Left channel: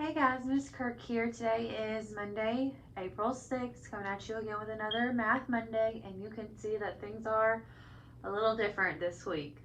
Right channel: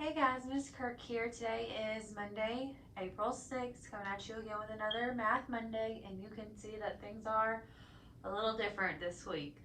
Hey guys, Miss Kirk here. Today is Monday, April 6th, coming at you again with another Math Monday, and you can see that things are a little different this week.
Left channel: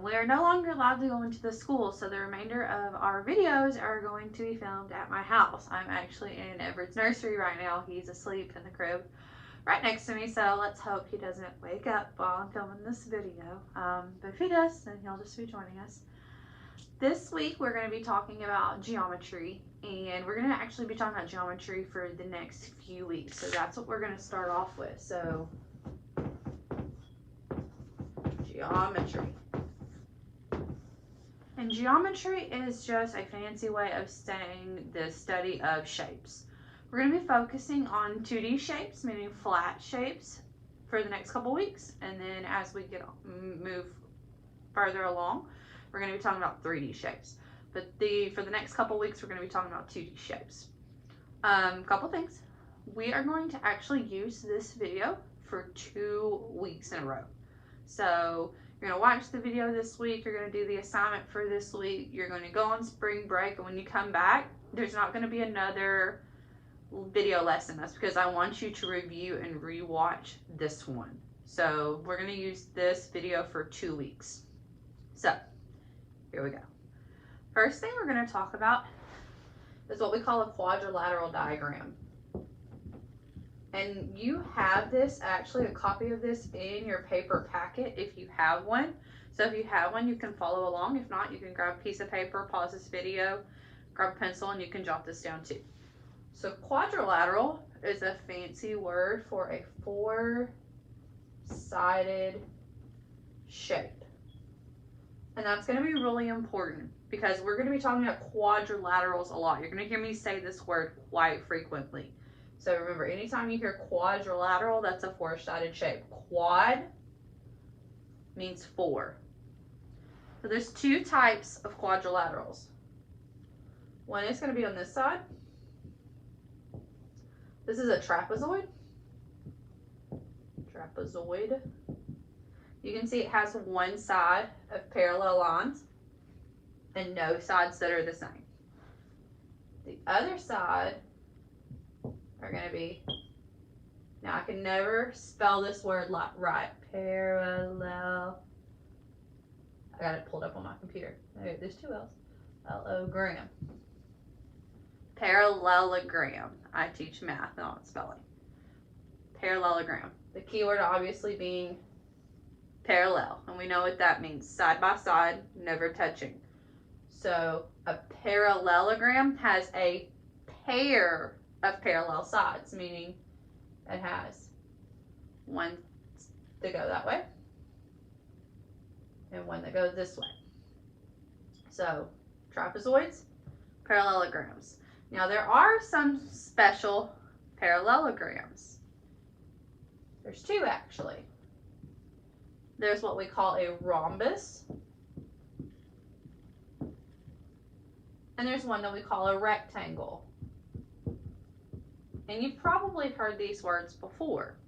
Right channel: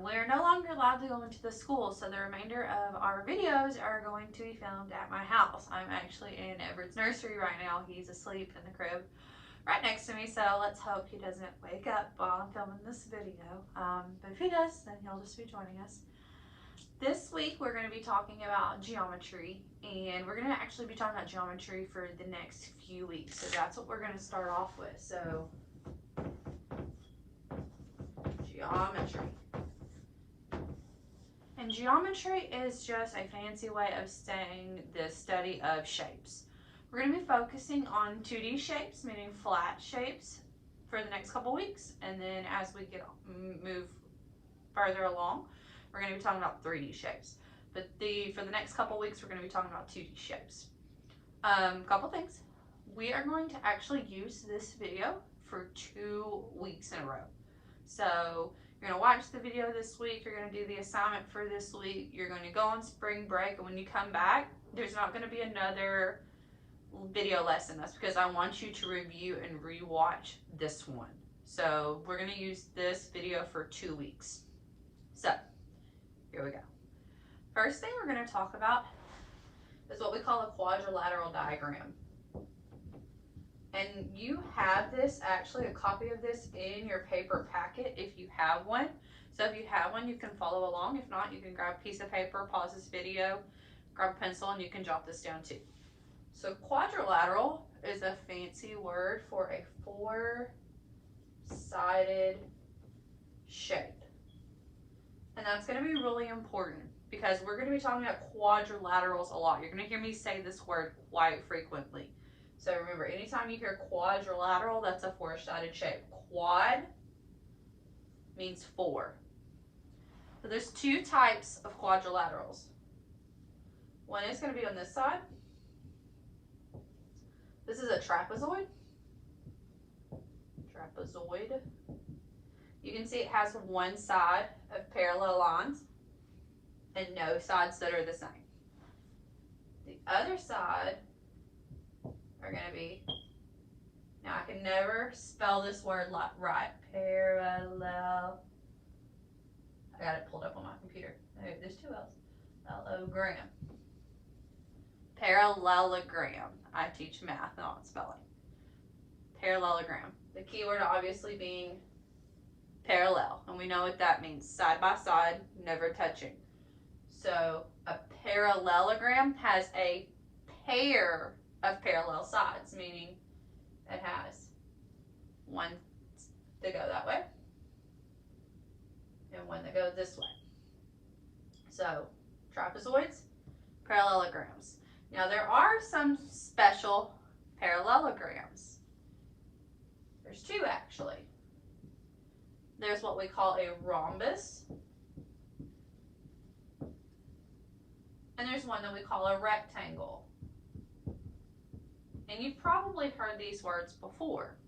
We are no longer allowed to go into the school, so the remainder of our videos are going to be filmed at my house. I'm actually in Everett's nursery right now. He's asleep in the crib right next to me, so let's hope he doesn't wake up while I'm filming this video. But if he does, then he'll just be joining us. This week we're going to be talking about geometry, and we're going to actually be talking about geometry for the next few weeks. So that's what we're going to start off with. So geometry. And geometry is just a fancy way of saying the study of shapes. We're going to be focusing on 2D shapes, meaning flat shapes, for the next couple weeks. And then as we move further along, we're going to be talking about 3D shapes. But for the next couple weeks, we're going to be talking about 2D shapes. Couple things. We are going to actually use this video for 2 weeks in a row. So you're going to watch the video this week. You're going to do the assignment for this week. You're going to go on spring break. And when you come back, there's not going to be another video lesson. That's because I want you to review and rewatch this one. So we're going to use this video for 2 weeks. So here we go. First thing we're going to talk about is what we call a quadrilateral diagram. And you have this, actually a copy of this in your paper packet if you have one. So if you have one, you can follow along. If not, you can grab a piece of paper, pause this video, grab a pencil, and you can jot this down too. So quadrilateral is a fancy word for a four-sided shape. And that's going to be really important because we're going to be talking about quadrilaterals a lot. You're going to hear me say this word quite frequently. So remember, anytime you hear quadrilateral, that's a four-sided shape. Quad means four. So there's 2 types of quadrilaterals. One is going to be on this side. This is a trapezoid. Trapezoid. You can see it has one side of parallel lines and no sides that are the same. The other side are going to be, now I can never spell this word right, parallel. I got it pulled up on my computer. Okay, there's 2 L's. L-O-gram. Parallelogram. I teach math, not spelling. Parallelogram. The key word obviously being parallel, and we know what that means. Side by side, never touching. So a parallelogram has a pair of parallel sides, meaning it has one that go that way and one that goes this way. So trapezoids, parallelograms. Now there are some special parallelograms. There's 2 actually. There's what we call a rhombus, and there's one that we call a rectangle. And you've probably heard these words before.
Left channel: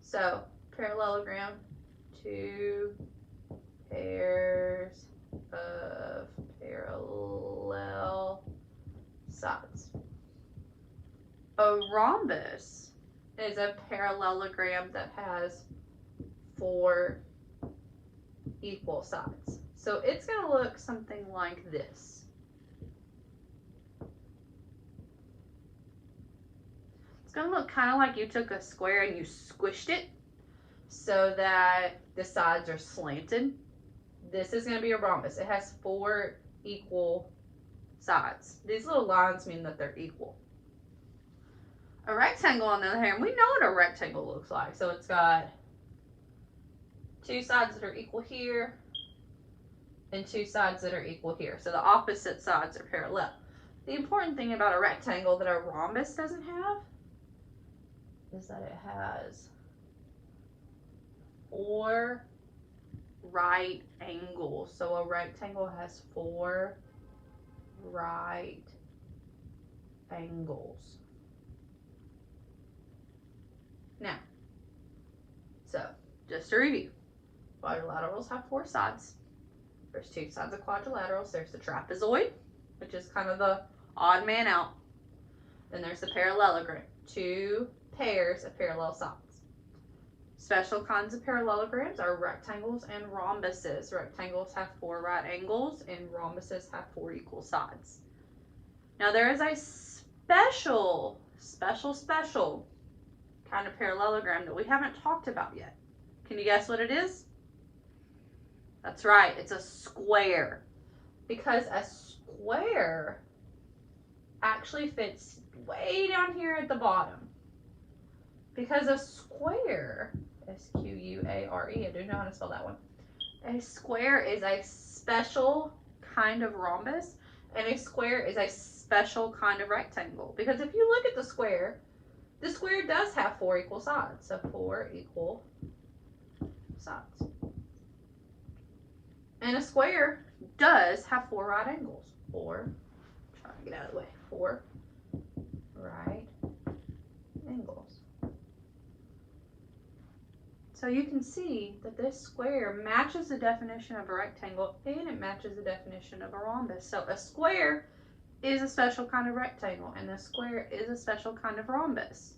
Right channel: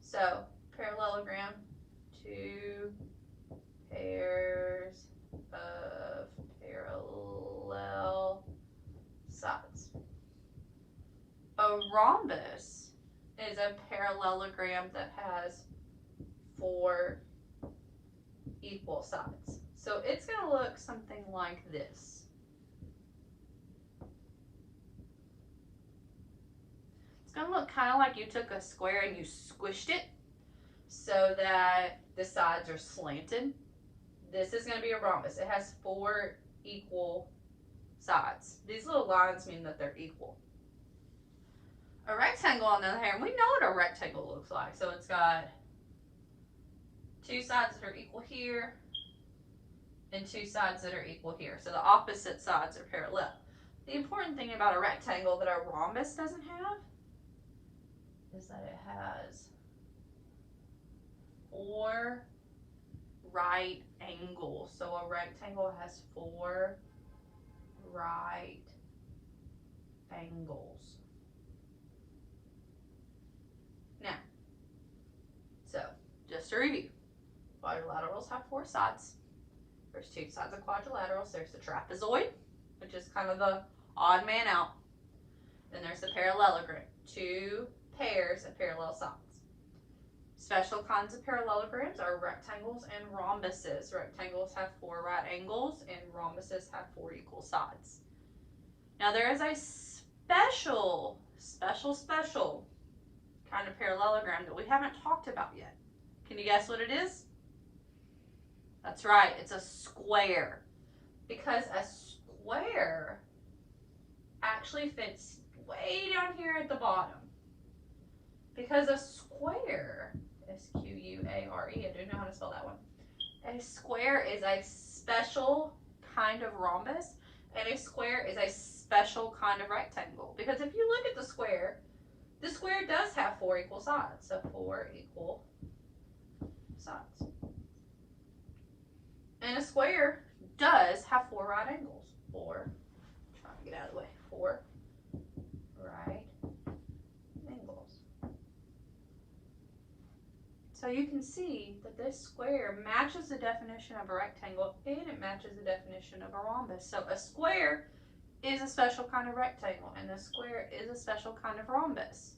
So parallelogram, 2 pairs of parallel sides. A rhombus is a parallelogram that has 4 equal sides. So it's going to look something like this. It's going to look kind of like you took a square and you squished it so that the sides are slanted. This is going to be a rhombus. It has 4 equal sides. These little lines mean that they're equal. A rectangle, on the other hand, we know what a rectangle looks like. So it's got 2 sides that are equal here and 2 sides that are equal here. So the opposite sides are parallel. The important thing about a rectangle that a rhombus doesn't have is that it has 4 right angles. So a rectangle has 4 right angles. Now, so just to review, quadrilaterals have 4 sides. There's 2 sides of quadrilaterals. There's the trapezoid, which is kind of the Odd man out. Then there's the parallelogram. 2 pairs of parallel sides. Special kinds of parallelograms are rectangles and rhombuses. Rectangles have 4 right angles and rhombuses have 4 equal sides. Now there is a special kind of parallelogram that we haven't talked about yet. Can you guess what it is? That's right, it's a square. Because a square actually fits way down here at the bottom. Because a square, S-Q-U-A-R-E, I do know how to spell that one. A square is a special kind of rhombus, and a square is a special kind of rectangle. Because if you look at the square does have 4 equal sides. So 4 equal sides. And a square does have 4 right angles. 4, trying to get out of the way, 4 right angles. So you can see that this square matches the definition of a rectangle and it matches the definition of a rhombus. So a square is a special kind of rectangle and a square is a special kind of rhombus.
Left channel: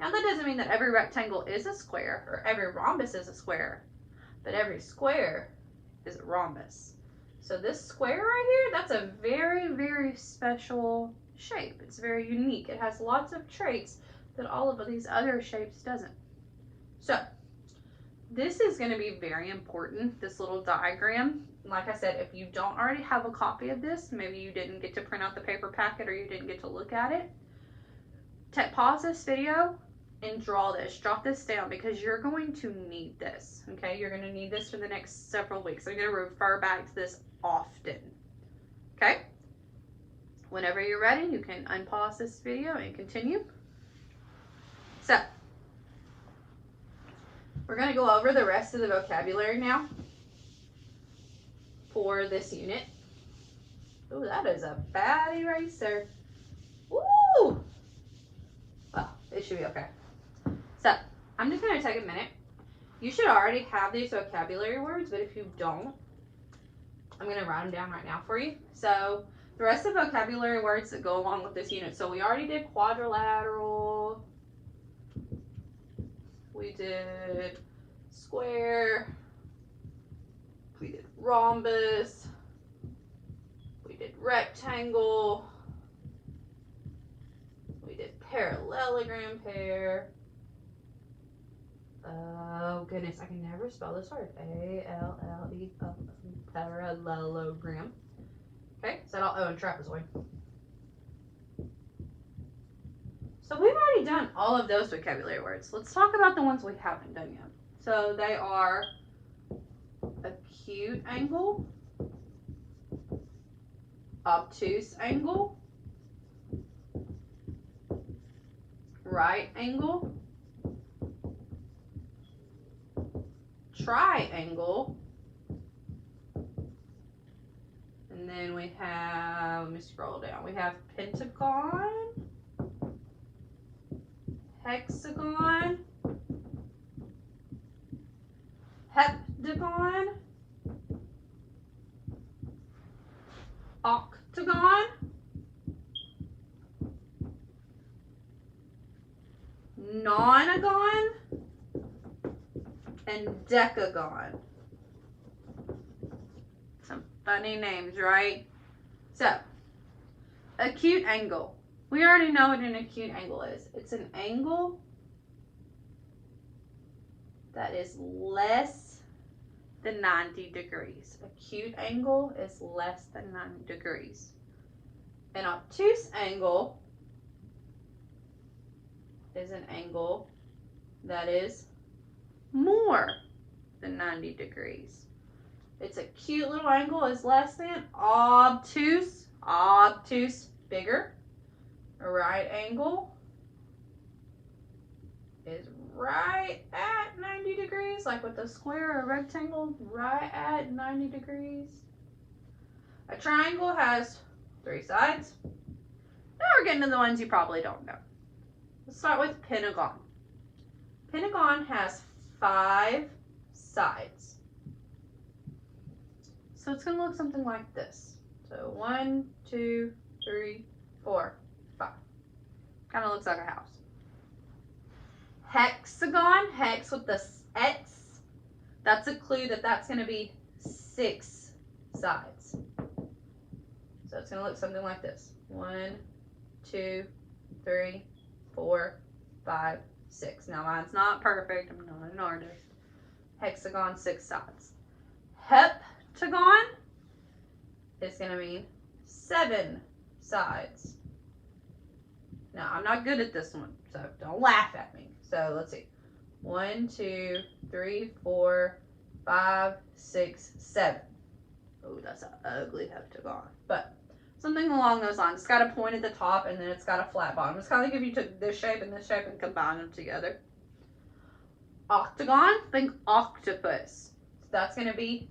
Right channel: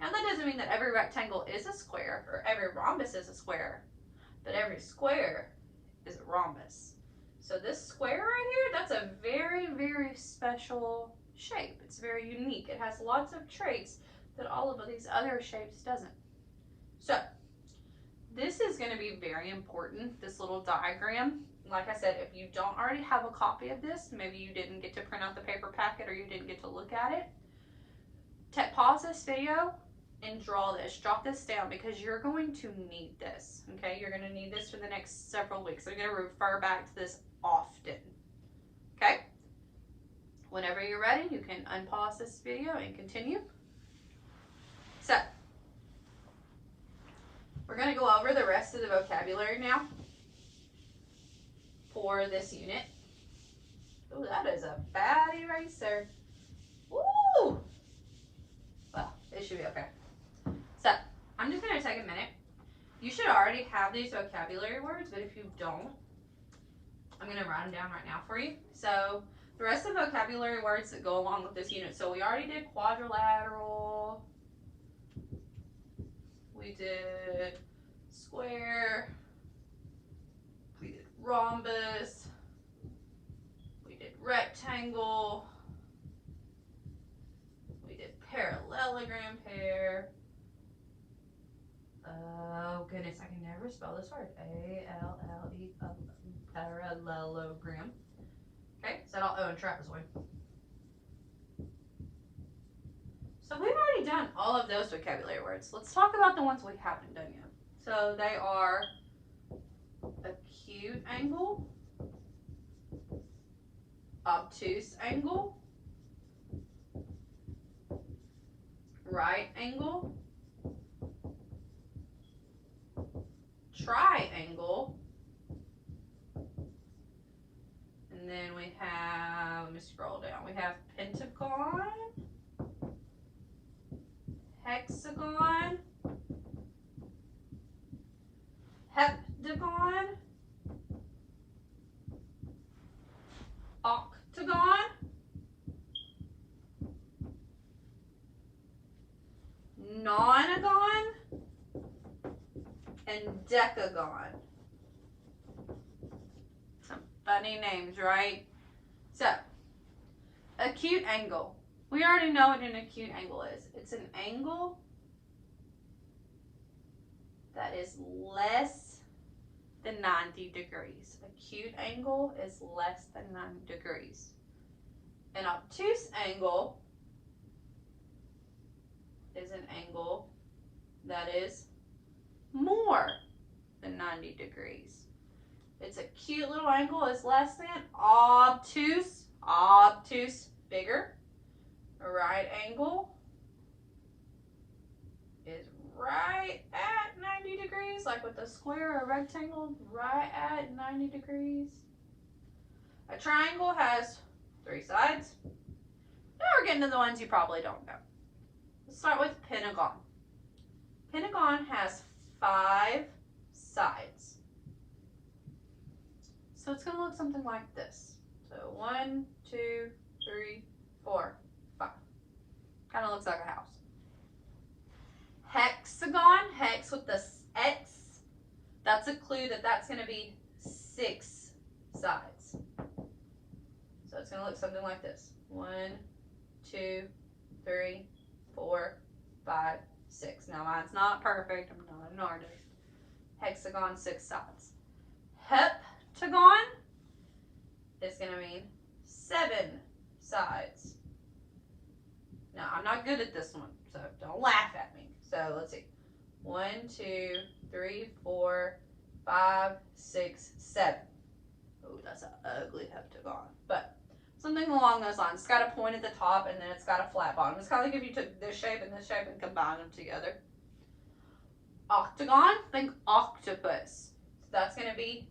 Now that doesn't mean that every rectangle is a square or every rhombus is a square, but every square is a rhombus. So this square right here, that's a very, very special shape. It's very unique. It has lots of traits that all of these other shapes doesn't. So this is going to be very important, this little diagram. Like I said, if you don't already have a copy of this, maybe you didn't get to print out the paper packet or you didn't get to look at it, pause this video and draw this. Jot this down because you're going to need this, okay? You're going to need this for the next several weeks. I'm going to refer back to this often, okay? Whenever you're ready, you can unpause this video and continue. So, we're going to go over the rest of the vocabulary now for this unit. Ooh, that is a bad eraser. Woo! Well, it should be okay. So, I'm just going to take a minute. You should already have these vocabulary words, but if you don't, I'm going to write them down right now for you. So, the rest of the vocabulary words that go along with this unit. So, we already did quadrilateral. We did square. We did rhombus. We did rectangle. We did parallelogram pair. Oh goodness, I can never spell this word. A-L-L-E, parallelogram. Okay, is that all? Oh, and trapezoid. So we've already done all of those vocabulary words. Let's talk about the ones we haven't done yet. So they are acute angle, obtuse angle, right angle, triangle, and then we have, let me scroll down, we have pentagon, hexagon, heptagon, octagon, nonagon, and decagon. Some funny names, right? So, acute angle. We already know what an acute angle is. It's an angle that is less than 90 degrees. Acute angle is less than 90 degrees. An obtuse angle is an angle that is more than 90 degrees. Its acute little angle is less than. Obtuse, bigger. A right angle is right at 90 degrees, like with a square or a rectangle, right at 90 degrees. A triangle has 3 sides. Now we're getting to the ones you probably don't know. Let's start with pentagon. Pentagon has 5 sides. So it's going to look something like this. So 1, 2, 3, 4, 5. Kind of looks like a house. Hexagon, hex with the X. That's a clue that that's going to be 6 sides. So it's going to look something like this. 1, 2, 3, 4, 5, 6. Now mine's not perfect. I'm not an artist. Hexagon, 6 sides. Heptagon is going to mean 7 sides. Now, I'm not good at this one, so don't laugh at me. So, let's see. 1, 2, 3, 4, 5, 6, 7. Oh, that's an ugly heptagon. But something along those lines. It's got a point at the top, and then it's got a flat bottom. It's kind of like if you took this shape and combined them together. Octagon, think octopus. So that's going to be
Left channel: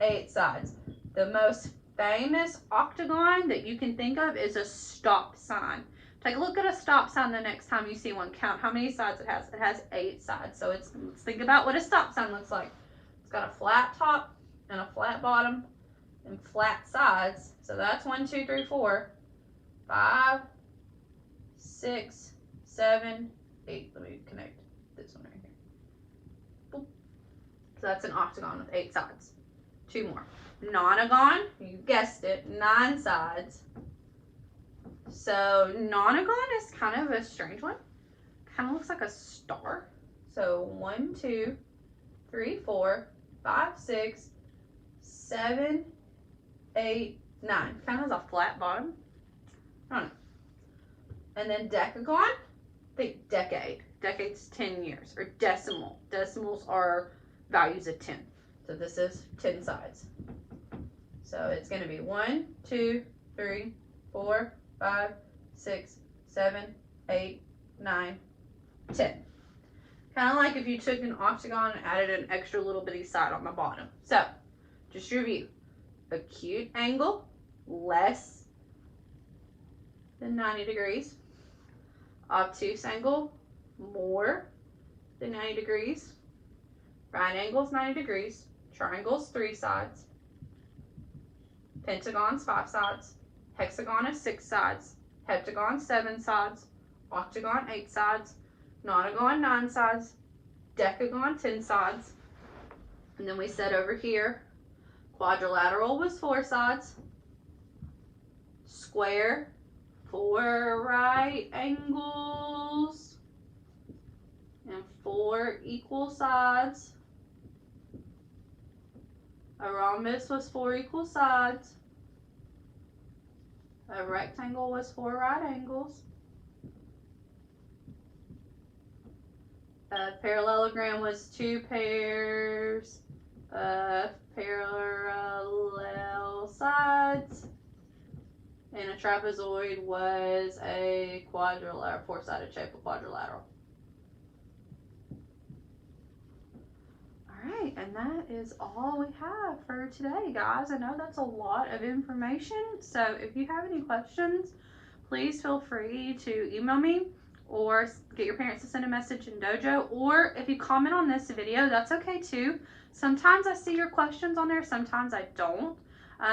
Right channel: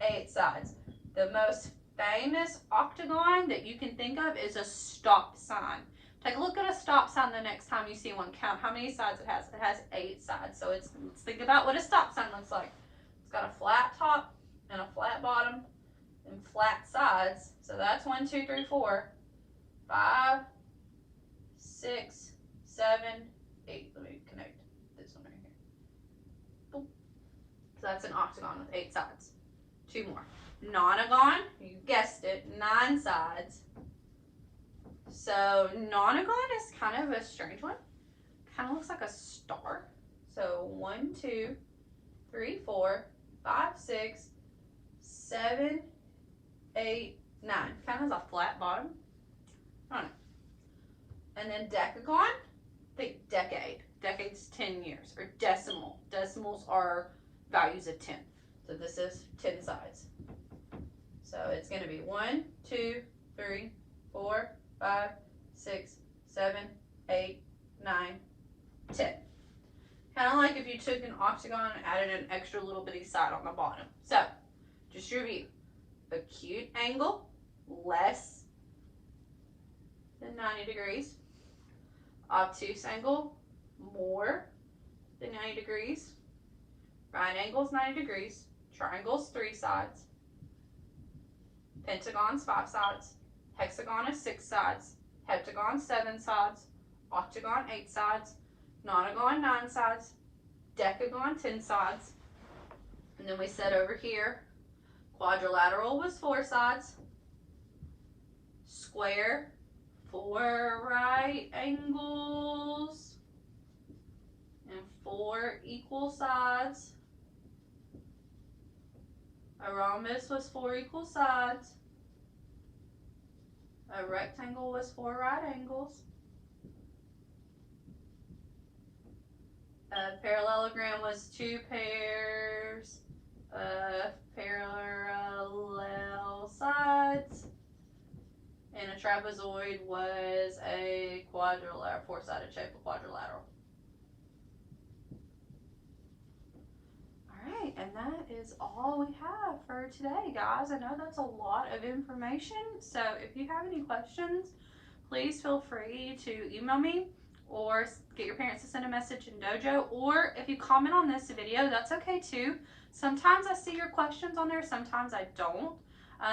8 sides. The most famous octagon that you can think of is a stop sign. Take a look at a stop sign the next time you see one. Count how many sides it has. It has 8 sides. So let's think about what a stop sign looks like. It's got a flat top and a flat bottom and flat sides. So that's 1, 2, 3, 4, 5, 6, 7, 8. Let me connect this one right here. Boop. So that's an octagon with 8 sides. 2 more. Nonagon, you guessed it, 9 sides. So nonagon is kind of a strange one. Kind of looks like a star. So 1, 2, 3, 4, 5, 6, 7, 8, 9. Kind of has a flat bottom. I don't know. And then decagon, think decade. Decade's 10 years. Or decimal. Decimals are values of 10. So this is 10 sides. So it's going to be 1, 2, 3, 4, 5, 6, 7, 8, 9, 10. Kind of like if you took an octagon and added an extra little bitty side on the bottom. So, just review. Acute angle, less than 90 degrees. Obtuse angle, more than 90 degrees. Right angle is 90 degrees. Triangle's 3 sides. Pentagon's 5 sides. Hexagon is 6 sides. Heptagon 7 sides. Octagon 8 sides. Nonagon 9 sides. Decagon 10 sides. And then we said over here, quadrilateral was 4 sides. Square, 4 right angles and 4 equal sides. A rhombus was 4 equal sides. A rectangle was 4 right angles. A parallelogram was 2 pairs of parallel sides. And a trapezoid was a quadrilateral, 4-sided shape of quadrilateral. Alright, and that is all we have for today, guys. I know that's a lot of information, so if you have any questions, please feel free to email me or get your parents to send a message in Dojo, or if you comment on this video, that's okay too. Sometimes I see your questions on there, sometimes I don't.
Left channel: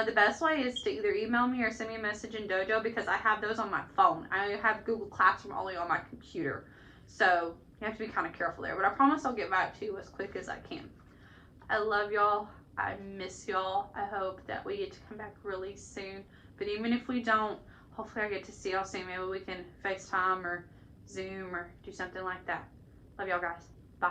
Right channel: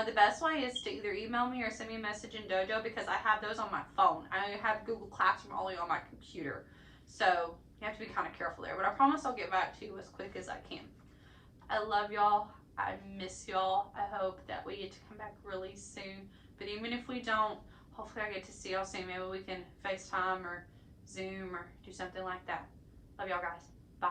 The best way is to either email me or send me a message in Dojo because I have those on my phone. I have Google Classroom only on my computer, so you have to be kind of careful there. But I promise I'll get back to you as quick as I can. I love y'all. I miss y'all. I hope that we get to come back really soon. But even if we don't, hopefully I get to see y'all soon. Maybe we can FaceTime or Zoom or do something like that. Love y'all, guys. Bye.